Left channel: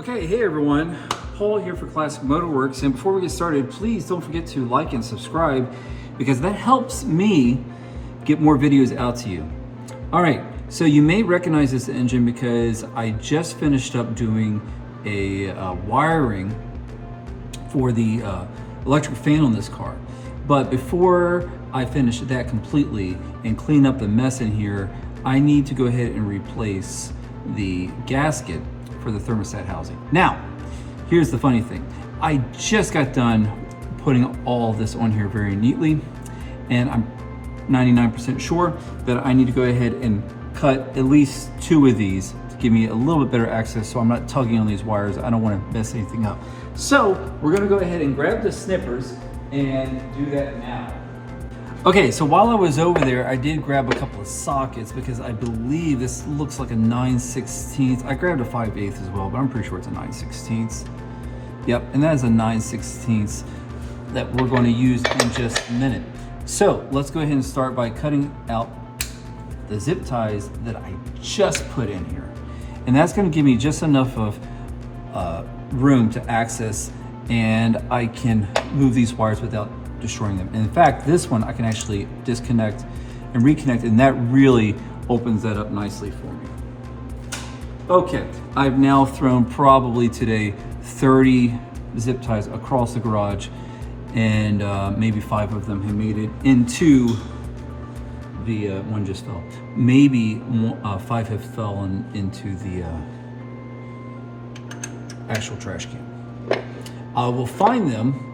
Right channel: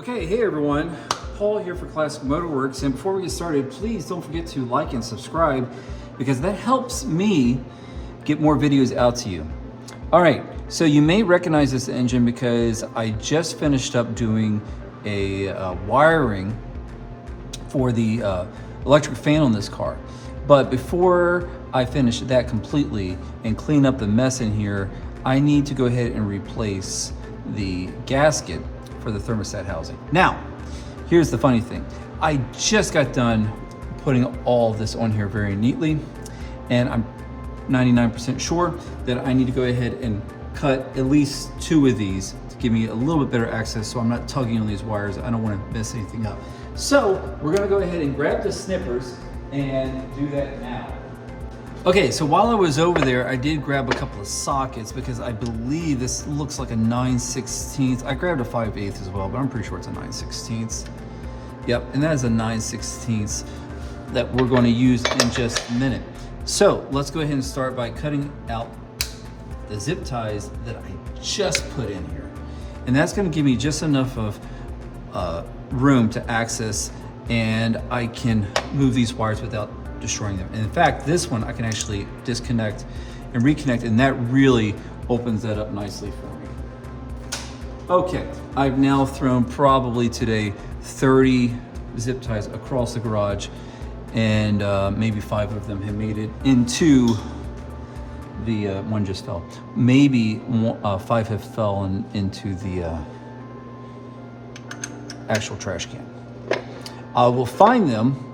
Okay, hey everyone, Paul here for Classic Motorworks, and before we get started, please don't forget to like and subscribe because that helps me get more videos out to you. All right, so you may recognize this engine because I just finished up doing a wiring for the electric fan on this car. But before I finish that completely and clean up the mess in here, I need to go ahead and replace the gasket for the thermostat housing. Now, here's the funny thing. I just got done putting all this on here very neatly, and I'm 99% sure that I need to go ahead and cut at least 2 of these to give me a little bit better access so I'm not tugging on these wires. I don't want to mess anything up. So we're gonna go ahead and grab the snippers and do that now. Okay, so while I was over there, I did grab a couple of sockets because I believe this looks like a 9/16. I grabbed a 5/8 as well, but I'm pretty sure it's a 9/16. Yep, and that is a 9/16 that we're going to use in just a minute. So let's go ahead and start by cutting out the zip ties that I just put in here. And that's going to give me just enough of room to access, and I can move these wires without destroying them. And in fact, this one I can actually disconnect and reconnect, and that really opens that up nicely for me. Okay, I've now thrown probably today 30 zip ties across the garage, and maybe 5 of them have made it into the one just fell. Maybe 5 have fallen into the actual trash can. I will find them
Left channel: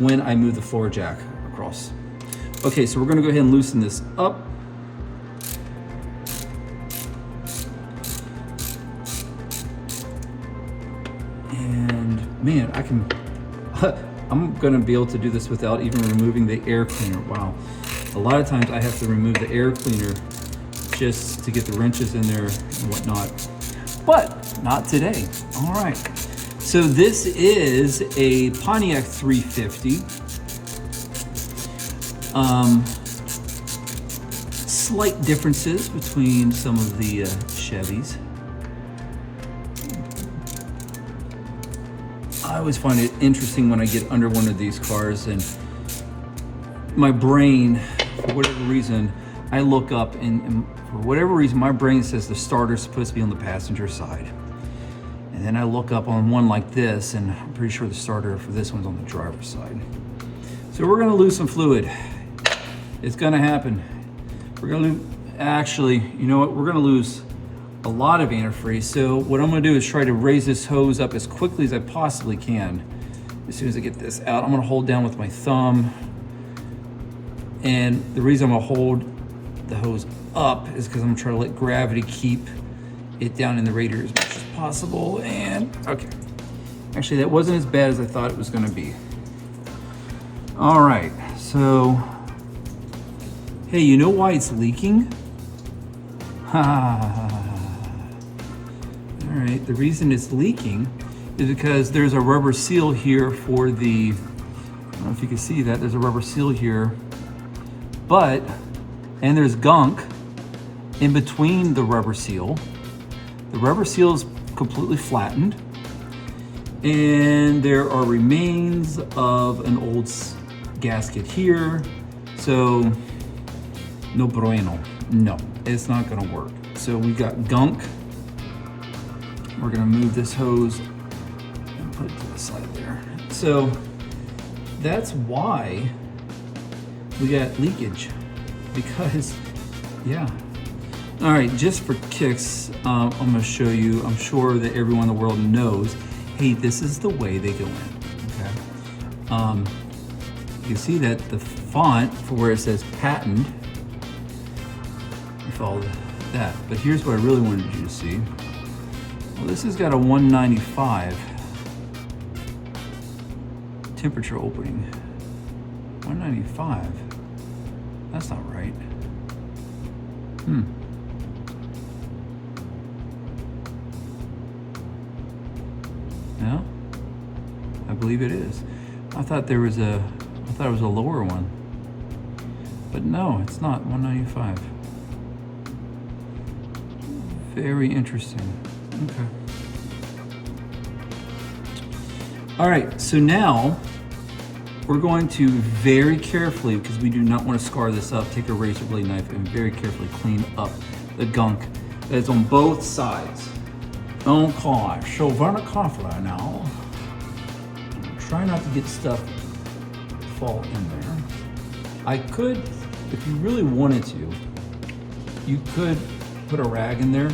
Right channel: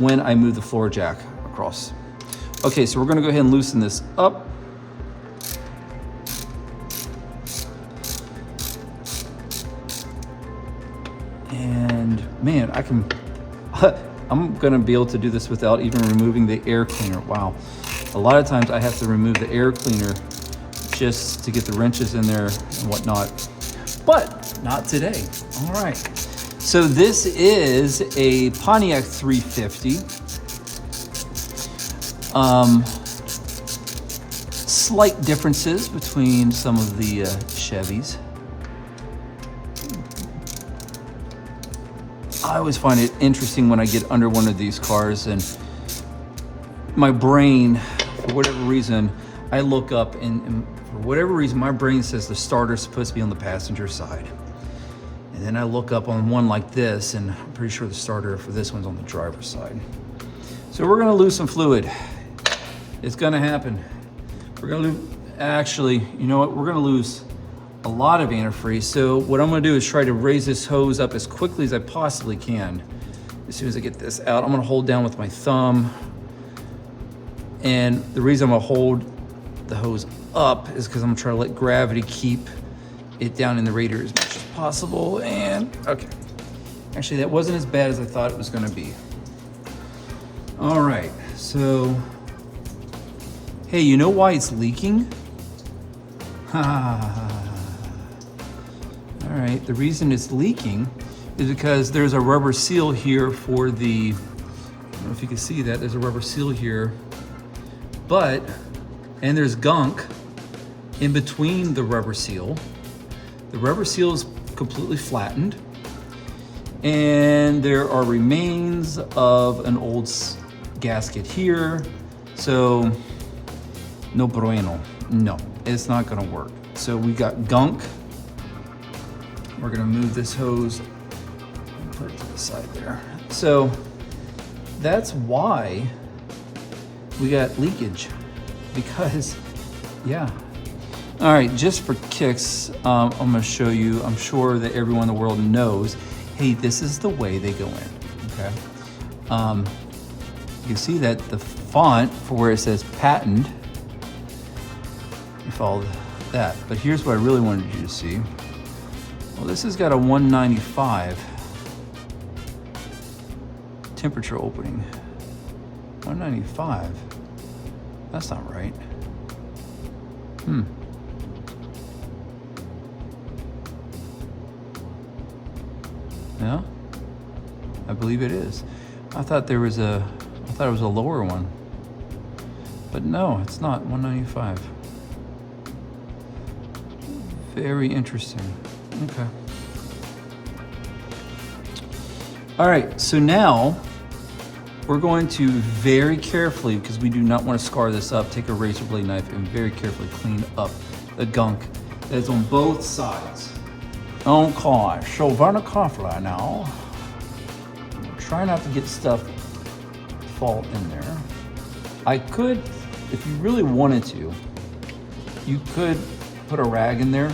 when I move the floor jack across. Okay, so we're gonna go ahead and loosen this up. And man, I'm gonna be able to do this without even removing the air cleaner. Wow. A lot of times I have to remove the air cleaner just to get the wrenches in there and whatnot, but not today. All right. So this is a Pontiac 350. Slight differences between some of the Chevys. I always find it interesting when I get under one of these cars and my brain, for whatever reason, I look up and for whatever reason, my brain says the starter's supposed to be on the passenger side. And then I look up on one like this, and I'm pretty sure the starter for this one's on the driver's side. So we're gonna lose some fluid. It's gonna happen. We're gonna lose, actually, you know what? We're gonna lose a lot of antifreeze. So what I'm gonna do is try to raise this hose up as quickly as I possibly can. As soon as I get this out, I'm gonna hold down with my thumb. And the reason I'm gonna hold the hose up is because I'm gonna try to let gravity keep it down in the radiator as much as possible. And okay, actually that wasn't as bad as I thought it was going to be. All right, so hey, you know why it's leaking? All right, the reason it's leaking is because there's a rubber seal here for the, I don't know if you can see that, there's a rubber seal here, and there's gunk in between the rubber seal. The rubber seal is completely flattened, and there are remains of an old gasket here. So, no bueno. No, it's not gonna work. So we got gunk. We're gonna move this hose and put it to the side there. So that's why we got leakage, because, yeah. All right, just for kicks, I'm gonna show you, I'm sure that everyone in the world knows, hey, this is the way they go in, okay? You can see that the font for where it says patent, with all that, but here's what I really wanted you to see. Well, this has got a 195 temperature opening. 195, that's not right. No, I believe it is. I thought it was a lower one, but no, it's not. 195. Very interesting. Okay. All right, so now we're going to very carefully, because we do not want to scar this up, take a razor blade knife and very carefully clean up the gunk that's on both sides. Okay, so very carefully now. Try not to get stuff fall in there. I could, if you really wanted to, you could put a rag in there,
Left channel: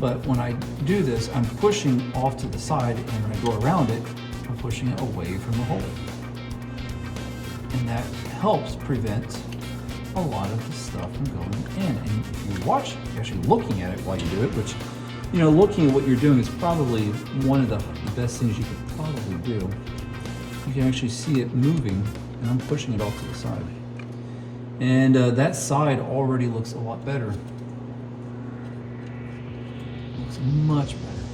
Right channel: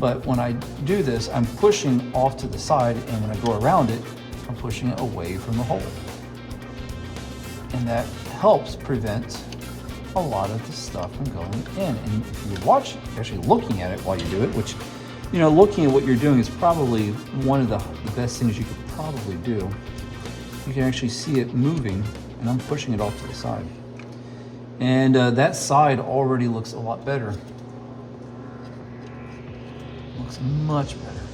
but when I do this, I'm pushing off to the side, and when I go around it, I'm pushing it away from the hole. And that helps prevent a lot of the stuff from going in. And if you watch, actually looking at it while you do it, which, you know, looking at what you're doing is probably one of the best things you could probably do. You can actually see it moving, and I'm pushing it off to the side. And that side already looks a lot better. Looks much better.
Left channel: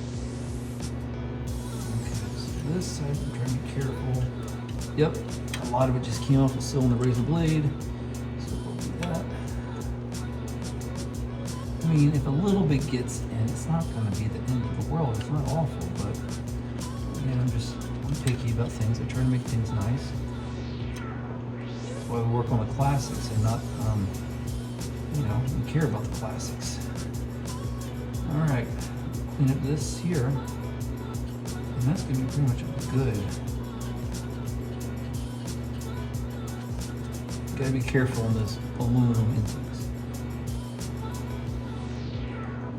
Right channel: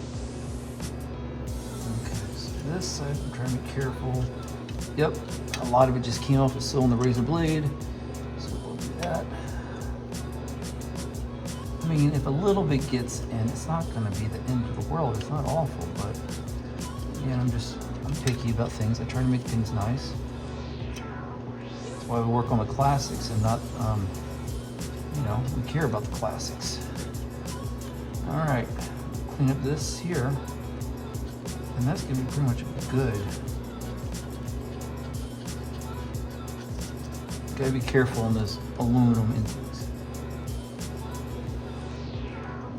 Okay, so this side, I'm trying to be careful. Yep, a lot of it just came off the still on the razor blade. So we'll do that. I mean, if a little bit gets in, it's not gonna be the end of the world. It's not awful, but again, I'm picky about things. I try to make things nice. That's why we work on the classics and not, you know, we care about the classics. All right, clean up this here, and that's gonna be pretty much good. Gotta be careful on those aluminum intakes.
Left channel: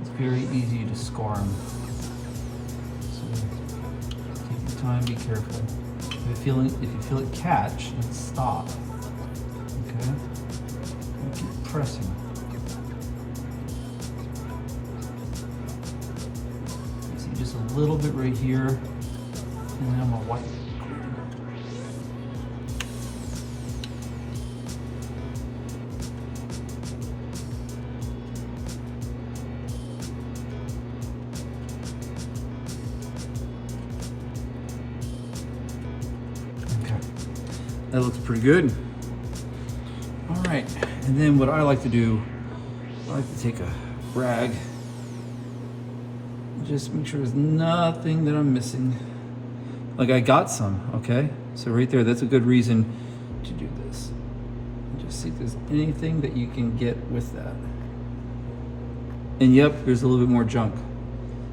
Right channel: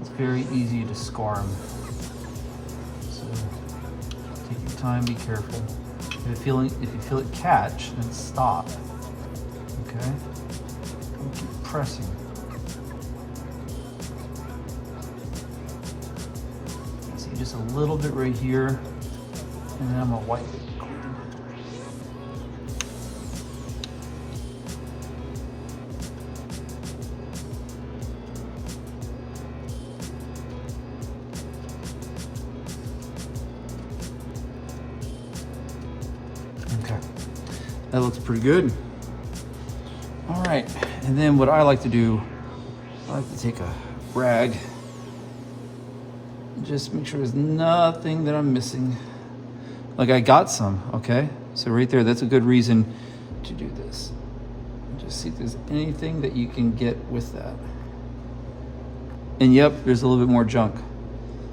It's very easy to scar them. So take your time, be careful. If you feel it catch, then stop. Okay? And keep pressing. So just a little bit right here, and then I'm gonna wipe it. That looks pretty good. All right, and then what I like to do, I like to take a rag and just make sure there's nothing that I'm missing. Like I got some, okay? So right there, that's a good reason to do this. Just see if there's anything that you can get with that. And yep, there's a little bit more junk.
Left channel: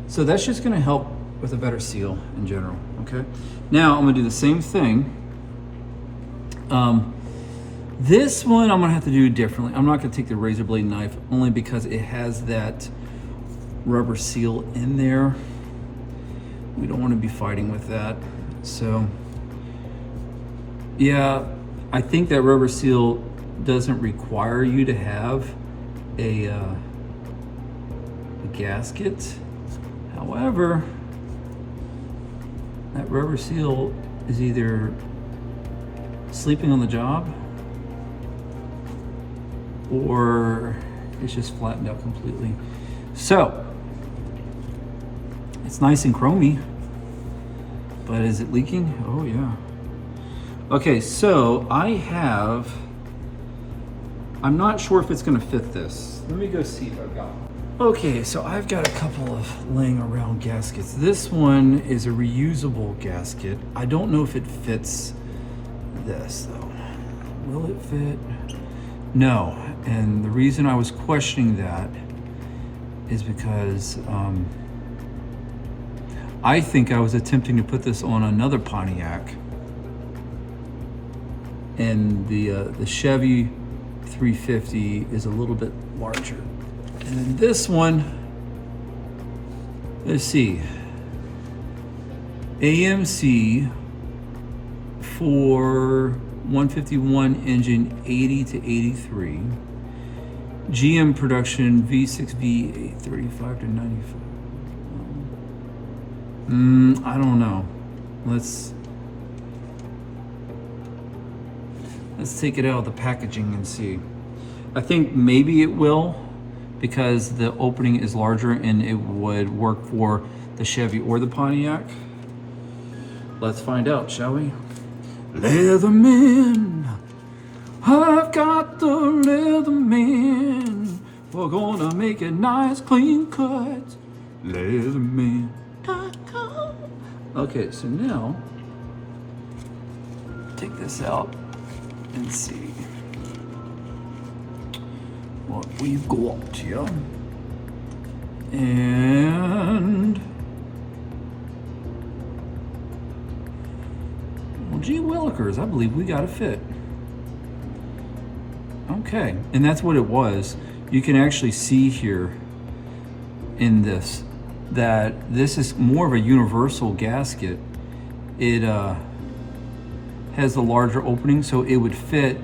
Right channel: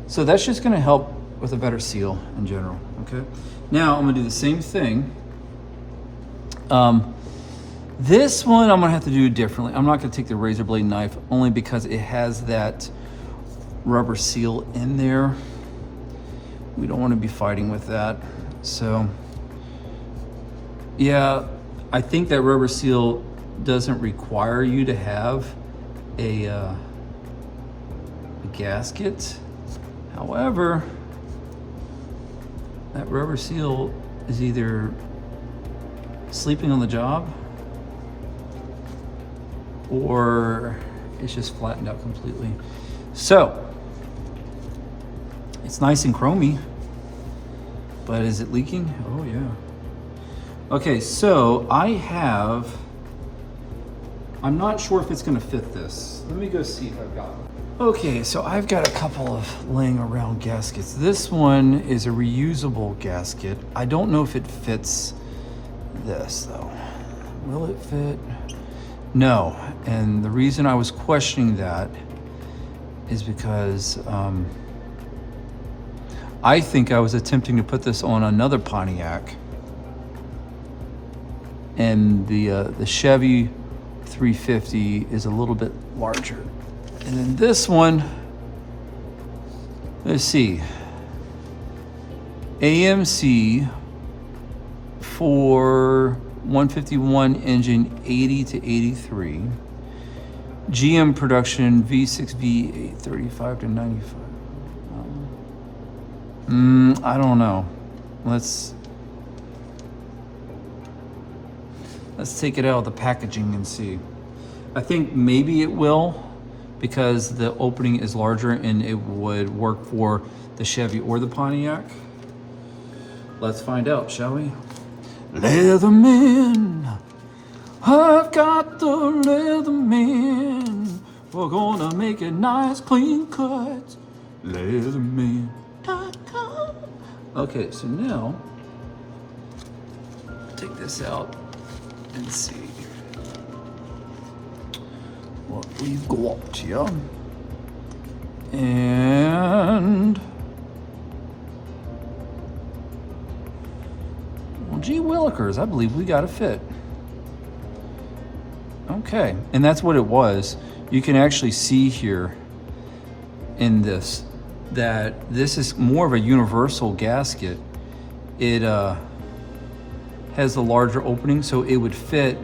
So that's just gonna help with a better seal in general, okay? Now I'm gonna do the same thing. This one I'm gonna have to do differently. I'm not gonna take the razor blade knife only because it has that rubber seal in there. We don't want to be fighting with that. So yeah, I think that rubber seal doesn't require you to have a gasket. However, that rubber seal is either sleeping on the job or it's just flattened out completely. So it's nice and chromy, but is it leaking? Oh yeah. Okay, so I'm not sure if it's gonna fit this. Let me go see if I've got it. Okay, so I've got a couple of laying around gaskets. This one is a reusable gasket. I don't know if it fits this though. Will it fit? No, and the reason I was questioning that is because I think I was attempting to put this on another Pontiac, and the Chevy 350 is a little bit larger. And then this one, let's see, AMC for 151 engine, 80 to 83. GM production, V6 V8, 35 to 95. I don't know. Let's take it out of the packaging and see. I think maybe it will, because the opening is larger and it would work for the Chevy or the Pontiac. Let's find out, shall we? Leatherman, I've got the Leatherman. We're gonna make it nice, clean cut. Leatherman. Okay, Okay, so now, take this out and see what we've got here. And, well, gee willikers, I believe we got a fit. Okay, and that's what it was. You can actually see here in this that this is more of a universal gasket. It has a larger opening, so it would fit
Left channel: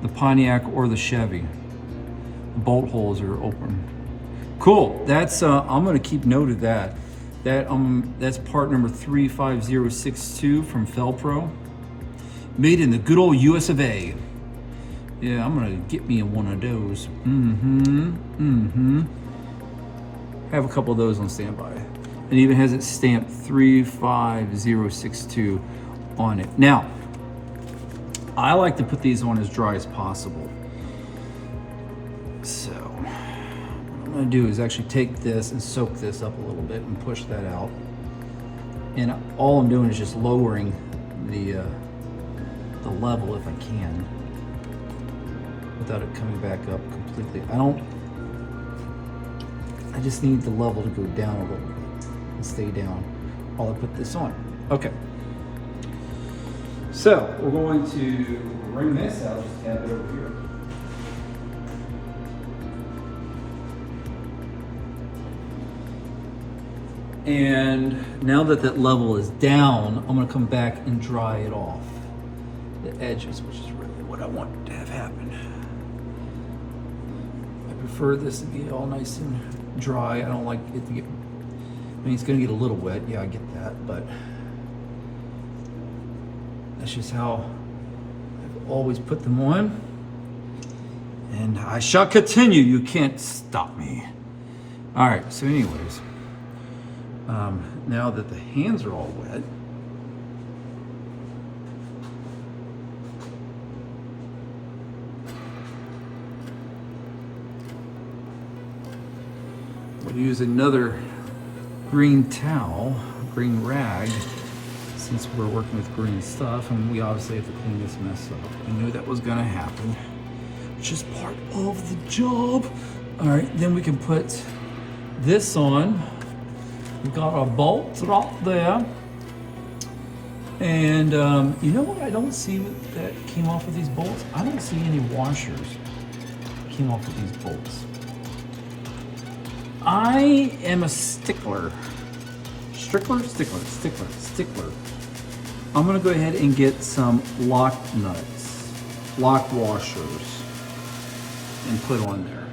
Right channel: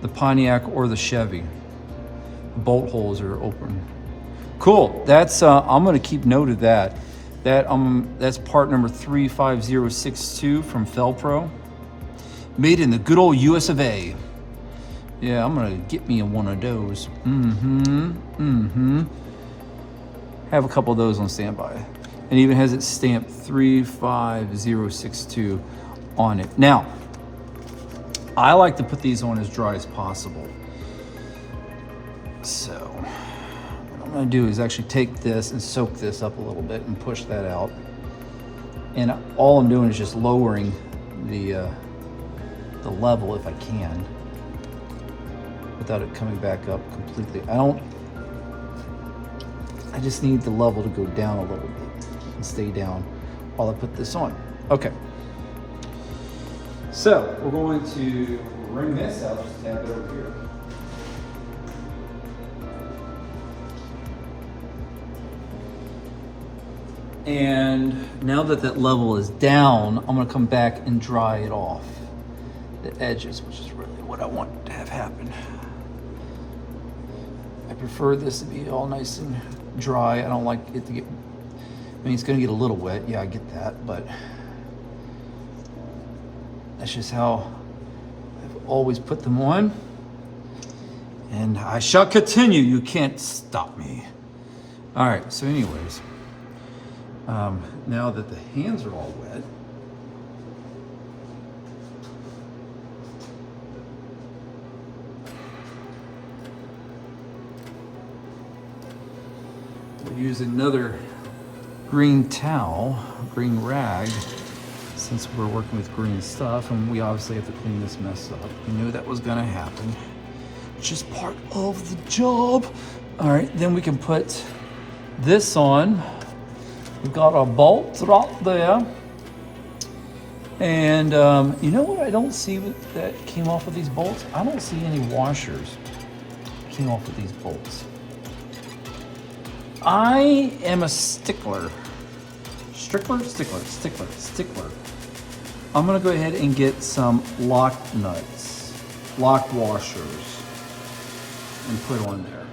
the Pontiac or the Chevy. The bolt holes are open. Cool. That's I'm gonna keep note of that. That's part number 35062 from Felpro, made in the good old US of A. Yeah, I'm gonna get me one of those. Have a couple of those on standby. And even has it stamped 35062 on it. Now, I like to put these on as dry as possible. So, what I'm gonna do is actually take this and soak this up a little bit and push that out. And all I'm doing is just lowering the level if I can, without it coming back up completely. I just need the level to go down a little bit and stay down while I put this on. Okay. So we're going to wring this out, just tap it over here. And now that that level is down, I'm gonna come back and dry it off the edges, which is really what I want to have happen. I prefer this to be all nice and dry. I don't like it to get, I mean, it's gonna get a little wet. Yeah, I get that, but that's just how I've always put them on. And I shall continue. You can't stop me. All right, so anyways, now that the hands are all wet, we'll use another green towel, green rag, since we're working with green stuff, and we obviously have to clean this mess up. We knew that was gonna happen. It's just part of the job. All right, then we can put this on. We've got our bolts right there. And you know what I don't see that came off of these bolts? I don't see any washers came off of these bolts. I am a stickler. Stickler. I'm gonna go ahead and get some lock nuts, lock washers, and put on there.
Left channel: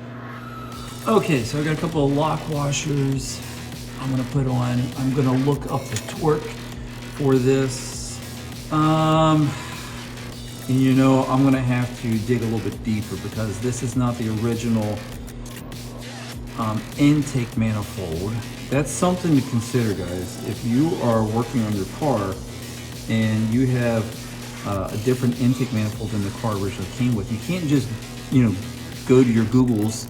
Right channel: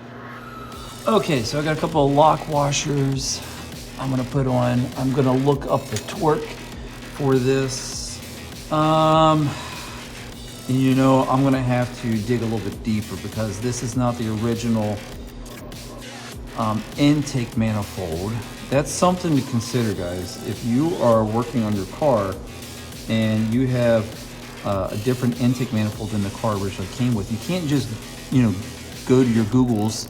Okay, so I got a couple of lock washers I'm gonna put on. I'm gonna look up the torque for this. And you know, I'm gonna have to dig a little bit deeper because this is not the original intake manifold. That's something to consider, guys. If you are working on your car and you have a different intake manifold than the car originally came with, you can't just, you know, go to your Googles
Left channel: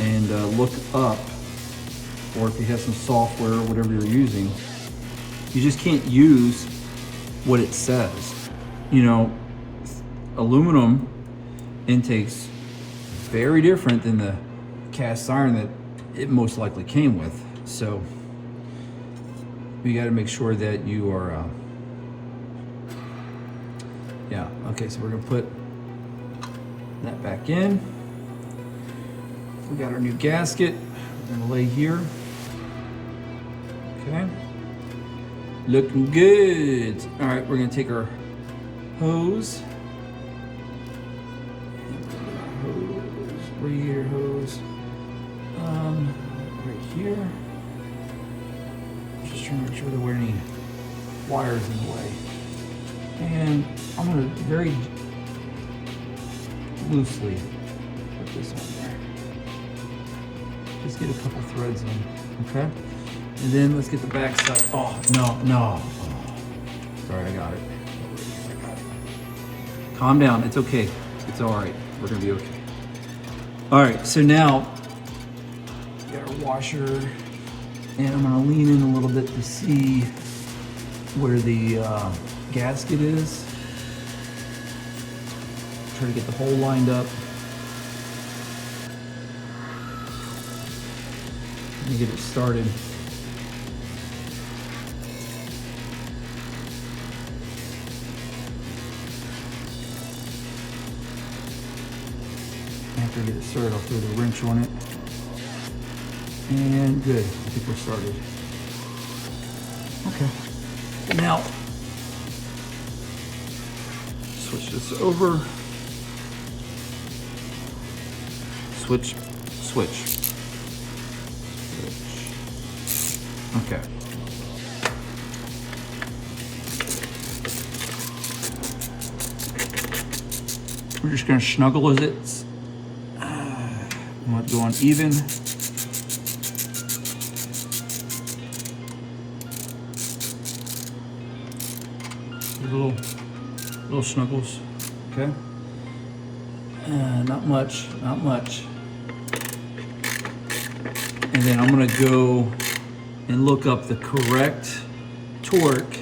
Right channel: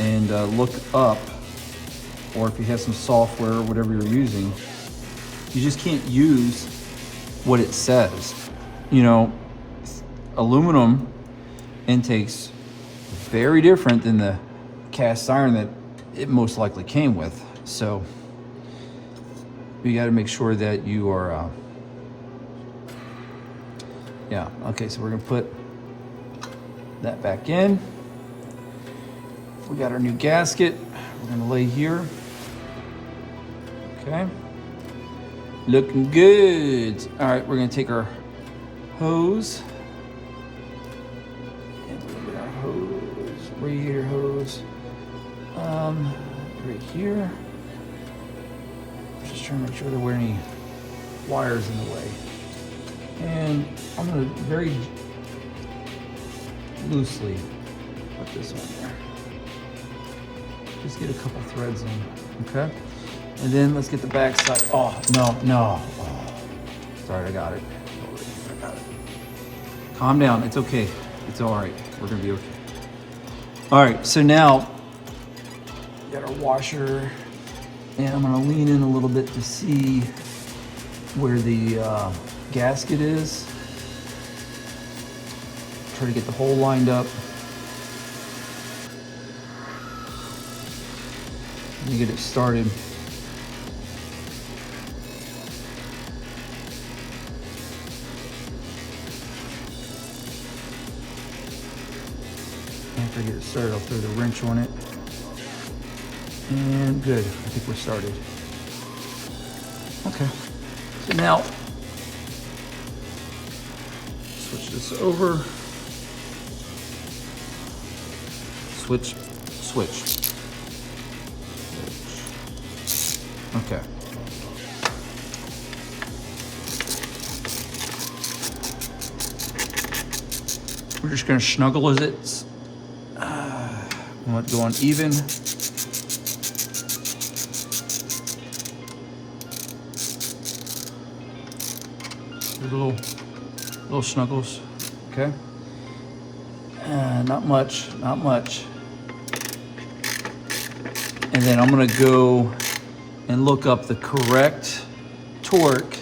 and look up, or if you have some software or whatever you're using, you just can't use what it says. You know, aluminum intakes very different than the cast iron that it most likely came with. So you got to make sure that you are yeah, okay, so we're gonna put that back in. We got our new gasket. We're gonna lay here. Okay, looking good. All right, we're gonna take our hose. Radiator hose. Right here. Just trying to make sure there weren't any wires in the way. And I'm gonna very loosely put this on there. Just get a couple threads in, okay? And then let's get the back side. Oh, no. Oh, sorry, I got it. Calm down, it's okay. It's all right, we're gonna be okay. All right, so now we got our washer, and I'm gonna lean in a little bit to see where the gasket is. Try to get the hole lined up. Let me get it started. After I get it started, I'll throw the wrench on it. And good, I think we're started. Okay, so now, switch this over. Switch. Okay. We're just gonna snuggle as it's, we want to go on even. Little snuggles, okay? Not much. And then I'm gonna go and look up the correct torque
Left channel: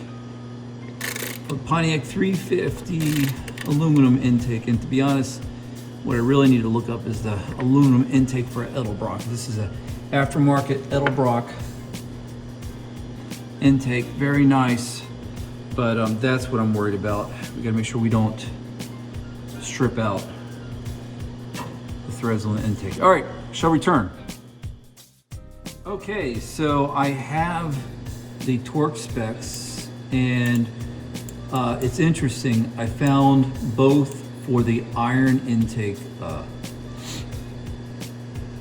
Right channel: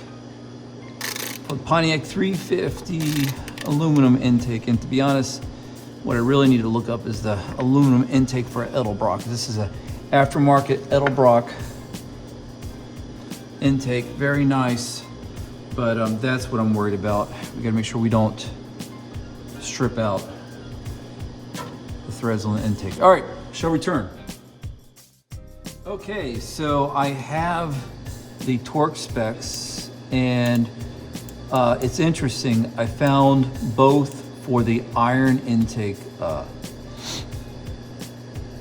for the Pontiac 350 aluminum intake. And to be honest, what I really need to look up is the aluminum intake for Edelbrock. This is an aftermarket Edelbrock intake, very nice, but that's what I'm worried about. We gotta make sure we don't strip out the threads on the intake. All right, shall we turn? Okay, so I have the torque specs, and it's interesting. I found both for the iron intake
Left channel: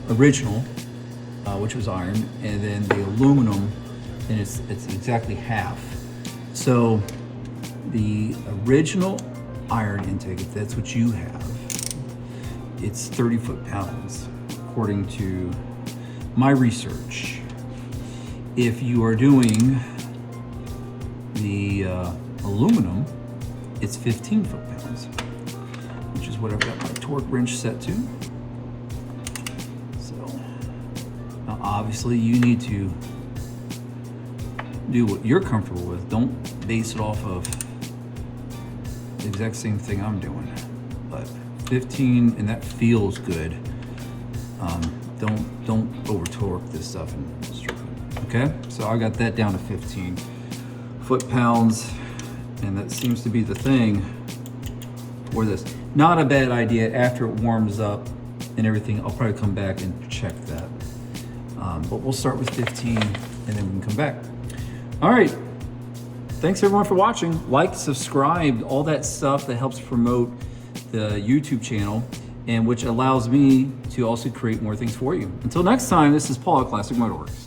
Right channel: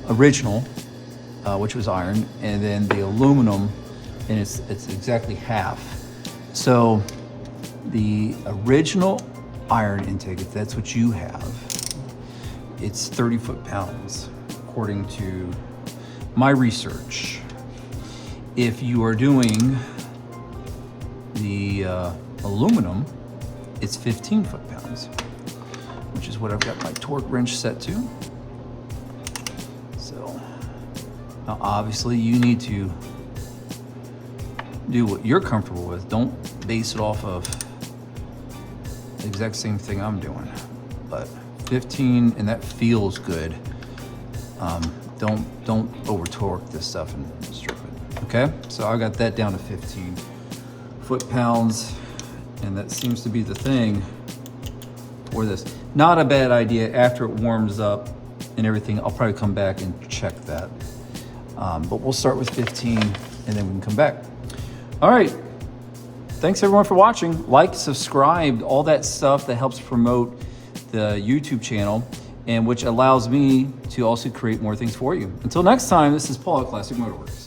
original, which was iron, and then the aluminum, and it's exactly half. So the original iron intake, if that's what you have, it's 30 foot-pounds, according to my research. If you are doing the aluminum, it's 15 foot-pounds, which is what I've got my torque wrench set to. So now obviously you need to do what you're comfortable with. Don't base it off of the exact same thing I'm doing, but 15, and that feels good. Don't over torque this stuff and strip it. Okay, so I got that down to 15 foot-pounds, and that seems to be the thing for this. Not a bad idea. After it warms up and everything, I'll probably come back and check that. But we'll start with 15 and then we can come back. All right, thanks everyone for watching. Like, subscribe, all that stuff that helps promote the YouTube channel, and which allows me to also create more things for you. Until next time, this is Paul at Classic Motorworks.